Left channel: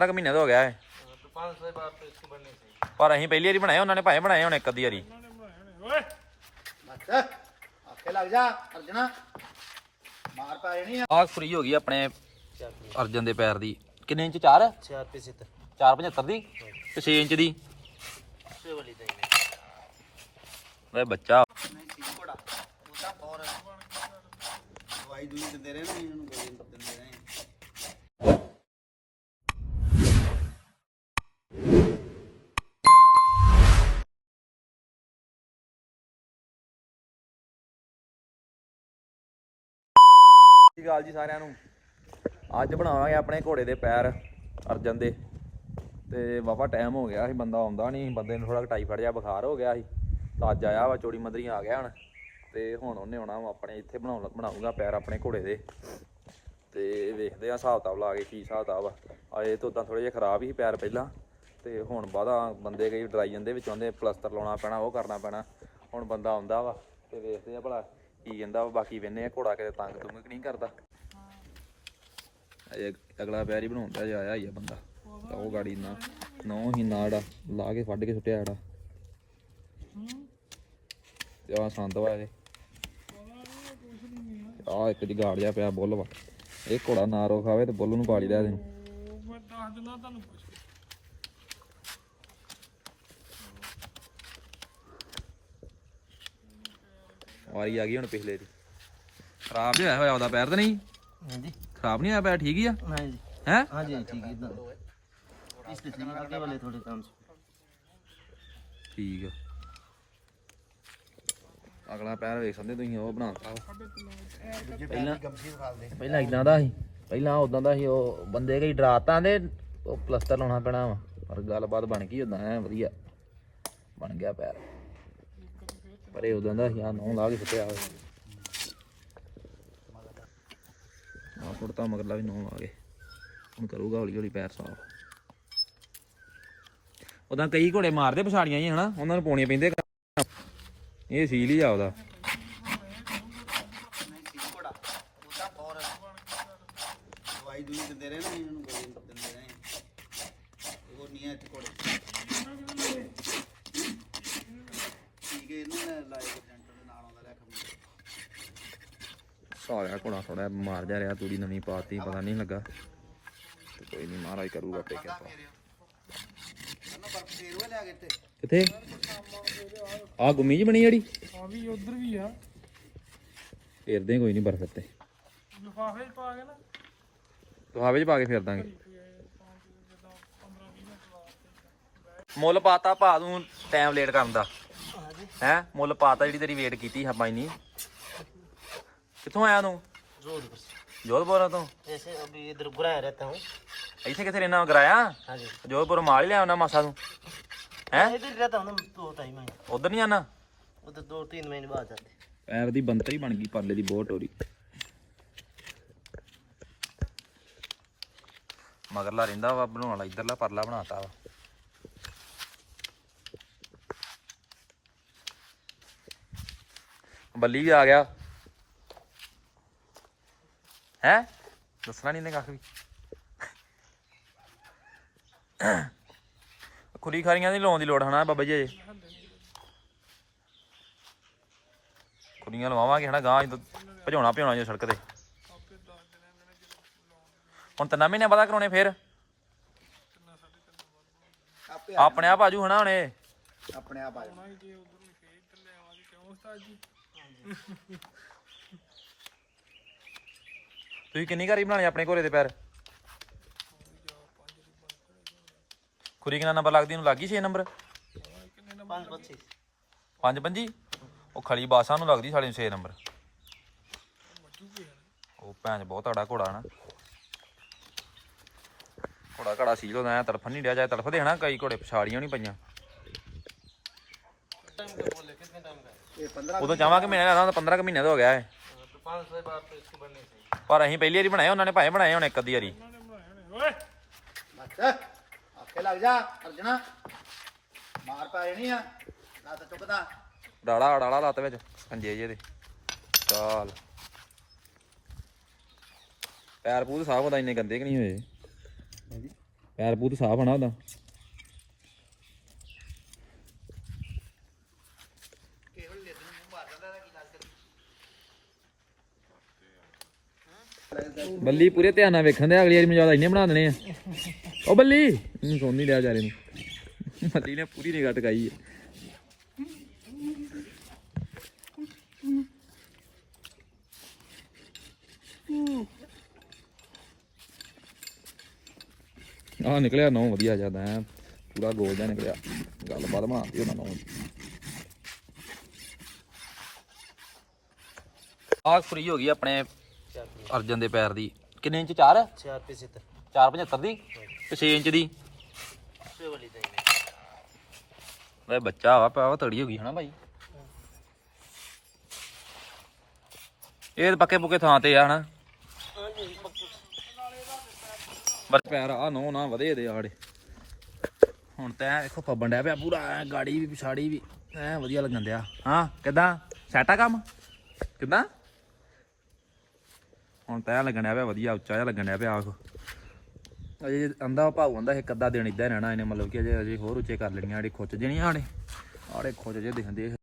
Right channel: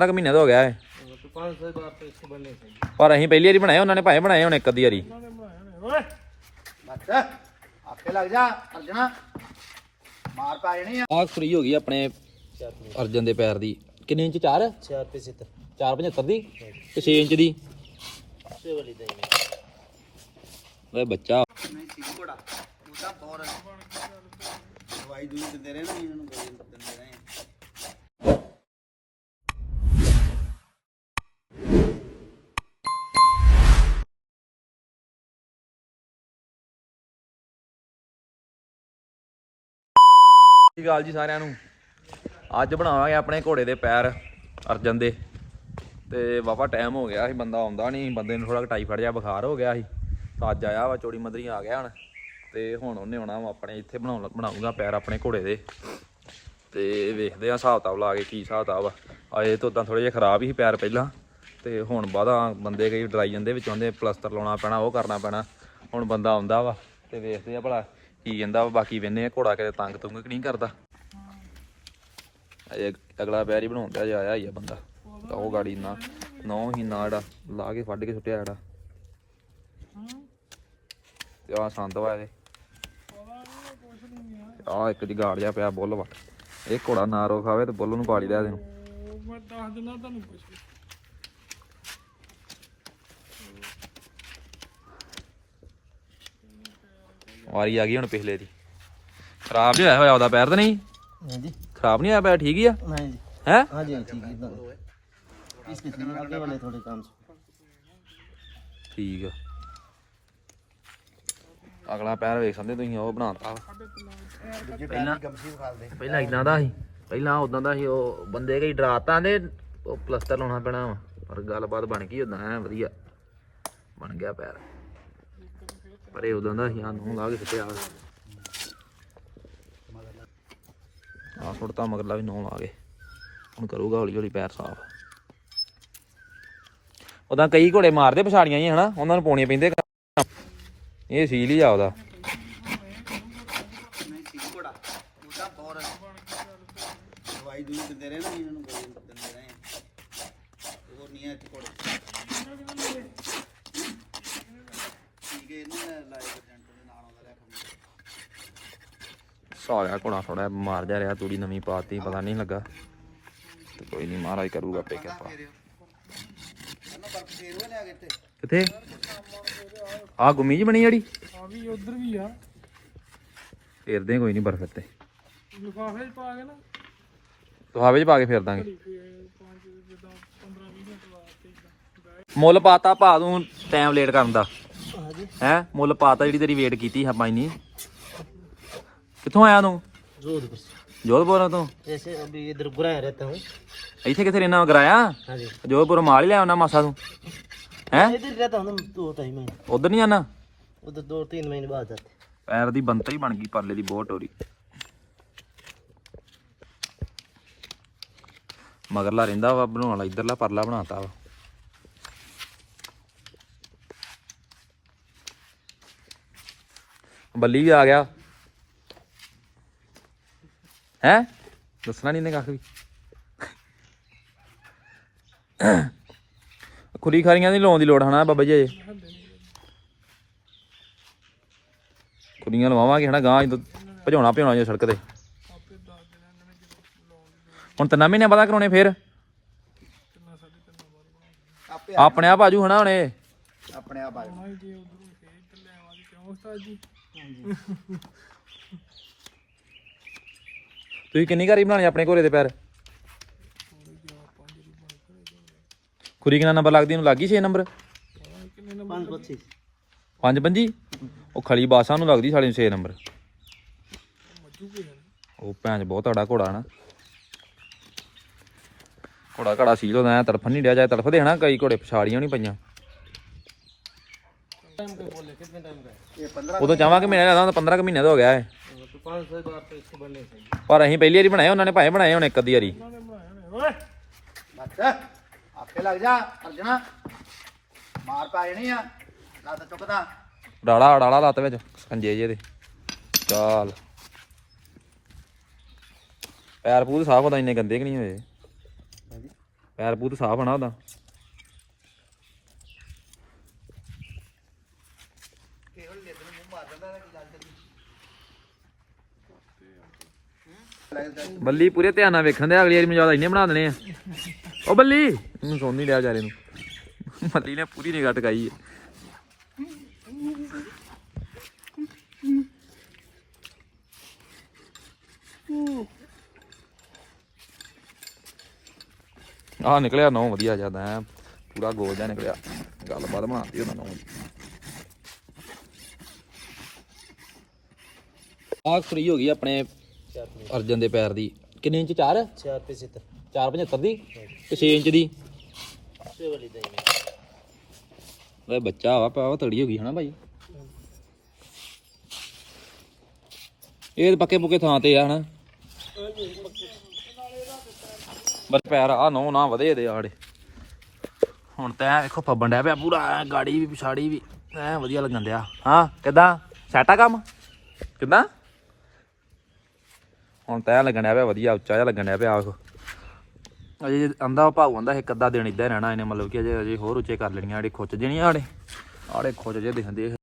12 ਮਹੀਨੇ ਦਾ ਹੋ ਗਿਆ ਹੈ ਪਰ ਅਸੀਂ ਪਹਿਲੀ ਵਾਰੀ ਬਣਾਏ ਉਹਨਾਂ ਨੇ ਭਾਵੇਂ ਬਣਾਏ ਹੁਣ ਇੱਕ ਅੱਧੀ ਵਾਰੀ। ਆਖੇ ਫਰੀ ਹੋ ਗਈ ਆਪਣੇ ਅਰਜਨ ਦੇ ਪੈਰ ਦੀ। ਕਿੰਨੇ ਇੰਚ 4 4 ਤੇ 475 ਦੀ? ਤੇ 6 ਇੰਚ ਦੀ? ਵੇ ਬੱਚਾ। ਨਹੀਂ ਠੀਕ ਘੋੜਾ। ਉਹਦਾ ਰਹੇ ਨਾ ਇਹਨਾਂ ਨੂੰ ਦਿੰਦੇ ਰਹੇ ਸਤਿ ਸ਼੍ਰੀ ਜੀ ਸਾਰਿਆਂ ਨੂੰ? ਅੱਜ ਬਣਾਵਾਂਗੇ ਆਪਣੇ ਘੋੜੇ ਦੇ ਪੈਰ, ਅਰਜਨ ਦੇ। ਤੇ ਵਾਵਾ ਟਾਈਮ ਹੋ ਗਿਆ ਸੀ, ਬੰਦਾ ਆਉਂਦਾ ਨਹੀਂ ਬੰਦੇ ਨੂੰ ਥੋੜਾ ਟਾਈਫਾਇਡ ਜਿਹਾ ਬੁਖਾਰ ਹੋ ਗਿਆ ਸੀ। ਤਾਂ ਅੱਜ ਆਇਆ ਵਾ, ਚੋੜੀ ਮਦਰੀ ਆ ਗਿਆ ਹੁਣ। ਤੇ ਹੁਣ ਉਹਨੇ ਆਉਣਾ ਆਪਣੇ ਇੱਥੇ ਬਣਾਉਣ ਬਣਾਊਗਾ ਪੈਰ ਆਪਣੇ ਘੋੜੇ ਦੇ। ਤੇ ਵੇਖਦੇ ਆ ਹਿਸਾਬ ਕਿਤਾਬ ਲਾ ਕੇ ਕੀ ਹਿਸਾਬ ਕਿਤਾਬ ਆ। ਆਏ ਤੋਂ ਤਾਂ ਥੋੜੇ ਜਿਹਾ ਖਰਾਬ ਹੀ ਸੀ ਪੈਰ ਪਹਿਲਾਂ। ਤੇ ਹੁਣ ਬਾਅਦਾ ਬੰਦੇ ਕਈ ਡਰਾਈ ਜਾਂਦੇ ਵਿੱਚ ਆਉਂਦੇ ਪਲਸਤਰ ਲਾਉਣਾ ਪੈਣਾ, ਉਹ ਕਰਨਾ ਪੈਣਾ। ਹੁਣ ਬੰਦਾ ਆਉਂਦਾ ਵਾ, ਤੇ ਵੇਖਦੇ ਆ ਭਲਾ ਕੀ ਕਹਿੰਦਾ ਵਾ, ਬਾਕੀ ਵੇਨੇ ਆ, ਘੋੜਾ ਕਿਤੇ ਤੰਗ ਤੁੰਗ ਕਿ ਨਹੀਂ ਕਰਦਾ। ਅਜੇ ਅਗਲਾ ਪੈਰ ਹੀ ਬਣਾਉਂਦਾ ਜੇ ਆਇਆ ਹੀ ਆ ਬੰਦਾ। ਤਾਂ ਉਹ ਗਾੜੀ ਨਾ, ਨੌ ਹੀ ਨਾ ਲਾ ਕੇ ਫੱਡ ਕੇ ਸੁੱਟਿਆ ਜਿਹੜਾ। ਤੇ ਆ ਸੰਦ ਵਾ ਇਹਦੇ ਆ ਇੱਕ ਜਗਾੜ ਜਿਹਾ ਪਿਆ ਬੁੱਲ ਵਾ। ਇਹ ਘੋੜਾ ਨਾ ਰੋ ਖਾਵੇ ਤੇ ਬੁੱਲ ਨੂੰ ਪਾਲੀ ਲਿਆ ਇਹਨੂੰ ਮੈਂ ਦੱਸ ਦਿੰਦਾ ਤੁਹਾਨੂੰ ਕੁਛ। ਵਾਰੀ ਆ ਗਈ ਹੁਣ ਪਿਛਲੇ ਦੀ। ਖਰਾਬ ਜਿਹਾ ਹੋਇਆ ਹੋਇਆ ਪੈਰ ਤਾਂ ਨਹੀਂ? ਹਾਂਜੀ। ਖਰਾਬ ਨਹੀਂ ਹੋਇਆ ਪੈਰ ਠੀਕ ਹੀ ਆ? ਹਾਂਜੀ। ਹੈ? ਅਗਲਾ ਪੈਰ ਵੇਖ ਸਕਦੇ ਤੁਸੀਂ ਉਹ ਬਣਾਤਾ। ਪਹਿਲਾਂ ਪਹਿਲਾਂ ਇਦਾਂ ਦਾ ਸੀ। ਪਹਿਲਾਂ ਉਦਾਂ ਦਾ ਸੀ ਉਹ ਬੰਦੇ ਕਈ ਡਰਾਤਾ ਦੇ ਉਹ ਪਲਸਟਰ ਲਾਉਣਾ ਪੈਣਾ ਵਾ। ਪਰ ਗੱਲਬਾਤ ਬਣ ਗਈ ਉਦਾਂ ਐ ਵਧੀਆ। ਬਣ ਗਿਆ ਪੈਰ। ਪਰ ਇਹ ਉਦਾਂ ਦਾ ਸੀ ਆ, ਨੂੰ ਲਾ ਕੇ ਸੁੱਟਿਆ ਆ ਸੁੱਟਤਾ ਮਗਰਲਾ ਵੀ ਨੌ ਲਾ ਕੇ। ਹੁਣ ਕਰੂਗਾ ਹੌਲੀ ਹੌਲੀ ਪੈਰ ਸਾਫ਼। ਉਦਾਂ ਕਈ ਘੋੜੇ ਮਾਰਦੇ ਪਛਾੜੀਆਂ ਹੀ, ਹਨਾ? ਉਹਨਾਂ ਨੂੰ ਪਾਉਣੀਆਂ ਪੈਂਦੇ ਇਹ ਸੀਲ ਹੀ ਆ ਉਹਦਾ। ਦਵਾਈ ਦੂਈ ਦਿੰਦੇ ਰਹੇ ਨਾ ਇਹਨਾਂ ਨੂੰ ਦਿੰਦੇ ਰਹੇ ਹੋਰ ਨਹੀਂ ਹੈ ਇੱਥੇ ਘੋੜੇ ਠੀਕ ਹੈ ਇਹਨਾਂ ਨੇ ਲਾਏ ਏਜੰਟ ਦੇ ਨਾਲ ਆਉਂਦਾ ਲੈ ਖੰਭੇ ਸਾਲਿਆ ਘੋੜਾ ਥੋੜਾ ਮਾਰ ਜਾ ਰਿਹਾ ਤੂੜੀ ਨਵੀਂ ਪਾਤੀ ਪਤਾ ਨਹੀਂ ਲੱਗਾ। ਤੇ ਕੋਈ ਨਹੀਂ ਮਹਾਰਾਜ ਕਰੂਗਾ ਆਪੇ ਕਿਰਪਾ। ਕਿੱਥੇ? ਆ ਗੁੰਮੀ ਜੀ ਬਣੀ ਜਿਹੜੀ? ਆ ਵੀ ਉਧਰ ਵੀ ਆ। ਫੇਰਦੇ ਕੋਈ ਨਹੀਂ ਬਰਫ਼ ਤੇ ਲਿਫਾਫੇ 'ਚ ਪਾ ਕੇ ਨਾ। ਲਿਫਾਫੇ 'ਚ ਪਾ ਕੇ ਫੇਰ ਦਾਂਗੇ। ਤੇ ਪੰਜ ਜਿੱਦਾਂ 15 20 ਮਿੰਟ ਵਾਸਤੇ ਮੁੱਲ ਪਾਤਾ ਭਾ ਤੂੰ ਟਾਈਮ ਲੇਟ ਕਰਨ ਦਾ। ਹੈ ਮੁੱਲ ਪਾਤਾ ਜਿਹੜੀ ਤੇਰੀ ਵੇਟ ਕੀਤੀ ਆਪਾਂ ਇਨੀ ਕਿੱਥੋਂ ਆਇਆ ਤੂੰ जोर बस ਜੋਧਪੁਰ ਤੋਂ जैसे अभी इधर बुरा रहता हूँ ਇੱਥੇ ਕਿੱਥੇ ਰਹਿਣਾ ਕਰਾਇਆ हाँ जी ਜੋਧਪੁਰ ਮਾਲ ਹੀ ਲਿਆ ਉਹਨਾਂ ਮਾਸਾ ਤੂੰ ਹੈ इधर रहता हूँ ना दो ढाई महीने ਉਧਰ ਨਹੀਂ ਜਾਣਾ उधर दो तीन महीने बाद जाते ਪੈਰ ਦੀ ਬੰਤਰ ਹੀ ਬਣ ਗਈ ਪਰਲੇ ਦੀ ਬਹੁਤ ਟੋਰੀ ਮਗਰਲਾ ਰਹਿੰਦਾ ਵਾ ਬਣਾਉਣ ਵਾਲਾ ਇਧਰਲਾ ਪਰਲਾ ਬਣਾਤਾ ਵਾ ਬੱਲੀ ਵੀ ਆ ਗਿਆ। ਹੈ? ਦੱਸਣਾ ਨਹੀਂ ਨੇ ਕੱਖ ਵੀ। ਖੁਰੀ ਖਾਰੀਆਂ ਦੀ ਲਾਉਣ ਦੀ ਲੋੜ ਹਨਾ ਬਾਬਾ ਜੀ ਅਜੇ ਖੁਰੀਆਂ ਲਵਾਵਾਂਗੇ ਹਨਾ ਗਾਂ ਜਦੋਂ ਭਜਾਉਣਾ ਭਜਾਉਣਾ ਜੇ ਸੜਕ ਤੇ। ਹੁਣ ਤਿੰਨਾਂ ਮਹੀਨੇ ਬਾਅਦ ਕਰਾਉਣੇ ਫੇਰ? ਆਪਣੇ ਆਪ ਆਜੂ ਹਨਾ ਹੁਣੇ। ਆਪਣੇ ਆਪ ਆ ਤੁਸੀਂ ਕਿੰਨੀ ਘਾਰੀ ਬਣਾਉਣੇ ਆਪਣੇ ਘੋੜੇ ਦੇ ਪੈਰ? ਖੁਰੀ ਕਿੰਨਾ ਨੰਬਰ ਲੱਗਦੀ? ਨੂੰ ਲੱਗੀ 6 ਨੰਬਰ? 525 5 ਪੰਜੀ ਉਹ ਖਲੀ ਬਾਸਾਂ ਨੂੰ ਲੱਗਦੀ ਸਾਲੀ ਨੂੰ 6 ਨੰਬਰ। ਉਹ ਭੈਂਚ ਬਹੁਤ ਤੜਾ ਘੋੜਾ ਨਾ। ਘੋੜਾ ਘੜਾ ਸੀਲ ਹੁੰਦਾ ਐ ਤੜਫਣ ਨਹੀਂ ਡਿਆ ਜਾਏ ਤੜਫ ਦੇਣਾ ਕਈ ਘੋੜੇ ਪਛਾੜੀਆਂ ਨਹੀਂ ਪਈਆਂ। टाइम का बोले कितने टाइम का है? ਇਹ 15 ਉਦੋਂ ਚਾਹਾਂਗੇ ਮਹੀਨੇ ਦਾ 15 ਕੁ ਮਹੀਨੇ ਦਾ ਹੋ ਗਿਆ ਹੈ हाँ, तो पाँच सौ बार तो इसके बनने चाहिए ਪਰ ਅਸੀਂ ਪਹਿਲੀ ਵਾਰੀ ਬਣਾਏ ਉਹਨਾਂ ਨੇ ਭਾਵੇਂ ਬਣਾਏ ਹੁਣ ਇੱਕ ਅੱਧੀ ਵਾਰੀ ਉਹਨਾਂ ਨੇ ਬਣਾਇਆ ਨੇ ਓਏ ਬਸ ਆਖੇ ਲੱਗ ਜਾ ਅਰਜਣਾ ਮਾਰ ਪਾ ਜਣੀ ਆ ਲੱਤ ਚੁੱਕਦਾ ਡਾਲਾ ਡਾਲਾ ਲੱਤ ਵਿੱਚ ਸੰਜੇ ਜੇ ਦੇ ਚਾਲ ਪੈਰ ਪੂਰ ਸਾਫ ਹੁੰਦਾ ਇੰਨੇ ਗੰਦੇ ਕਿ ਨਹੀਂ ਹੋਏ हाँ जी ਪੈਰ ਪੂਤ ਸਾਫ ਹਨਾ ਉਹਦਾ ਬੱਲੀ ਪੂਰੇ ਧਿਆਨ ਨਾਲ ਵੇਖਣ ਦੇ, ਅਗਲੀ ਵਾਰੀ ਮੈਂ ਮਜਾਦਾ ਇੰਨੇ ਬਣਾ ਦੇਣੇ ਆ। ਉਹ ਬੱਲੀ, ਮੈਨੂੰ ਸੁਣ ਨਹੀਂ ਲਿਆ ਵਿਚਾਰੇ ਨੂੰ। ਬੱਲੀ ਨੇ ਪੂਰੀ ਨਿਗਾਹ ਟਕਾਈ ਹੈ ਆ ਨਿਕਲਿਆ ਨੌ, ਵਧੀਆ ਜ਼ਿਆਦਾ ਹੈ। ਪੂਰਾ ਗੋਲ ਜਿਹਾ ਨਿਕਲਿਆ। ਗੱਲਬਾਤ ਬਣਾਤੀ ਉਹਨਾਂ ਨੌ ਆਹ ਫਰੀ ਹੋ ਗਈ ਆਪਣੇ ਅਰਜਨ ਦੇ ਪੈਰ ਦੀ। ਕਿੰਨੇ ਇੰਚ 4 4 ਰੁਪਏ 70 475 ਦੀ ਤੇ 6 ਇੰਚ ਦੀ। ਵੇ ਬੱਚਾ ਵਾ ਪਾ ਤੜੀ ਹੋ ਗਈ ਹਨਾ ਭਾਈ। ਇਹ ਪੱਕੇ ਪੁੱਕੇ ਥਾਂ ਤੇ ਆ ਹਨਾ। ਬਸ ਪੈਰ ਆ ਨੋ ਨਾ ਵਧੇ ਦੇ ਆੜੇ। ਹੁਣ ਤਾਂ ਵੇਖੋ ਫੱਬਣ ਡਿਆ ਪਿਆ ਪੂਰਾ ਗਾੜੀ ਵੀ ਪਿਛਾੜੀ ਵੀ ਐ ਵਧੀਆ ਲੱਗਣ ਡਿਆ। ਹਾਂ ਕਿਦਾਂ? ਸੈਟਾ ਕੰਮ? ਕਿਦਾਂ? ਹੁਣ ਤੈਅ ਲੱਗਣ ਡਿਆ ਪਿਆ, ਵਧੀਆ, ਉੱਚਾ ਜਿਹਾ ਲੱਗਣ ਡਿਆ ਪਿਆ ਆਖੋ ਅਜੇ ਆਂਦਾ ਭਾਉ ਆਂਦਾ, ਇੱਕ ਅੱਧਾ ਦਿਨ ਇਦਾਂ ਰਹਿਣਾ, ਇਹਨੇ ਮਤਲਬ ਕਿ ਅਜੇ ਅਜੇ ਹੋਰ ਉੱਚੇ ਕਰ ਲੈਣੀਆਂ ਜਿਹੜੇ ਖੁੱਚ ਜਣੀਆਂ ਆੜੇ ਆੜੇ ਖੁੱਚ ਜੇ ਦਿਖਦੇ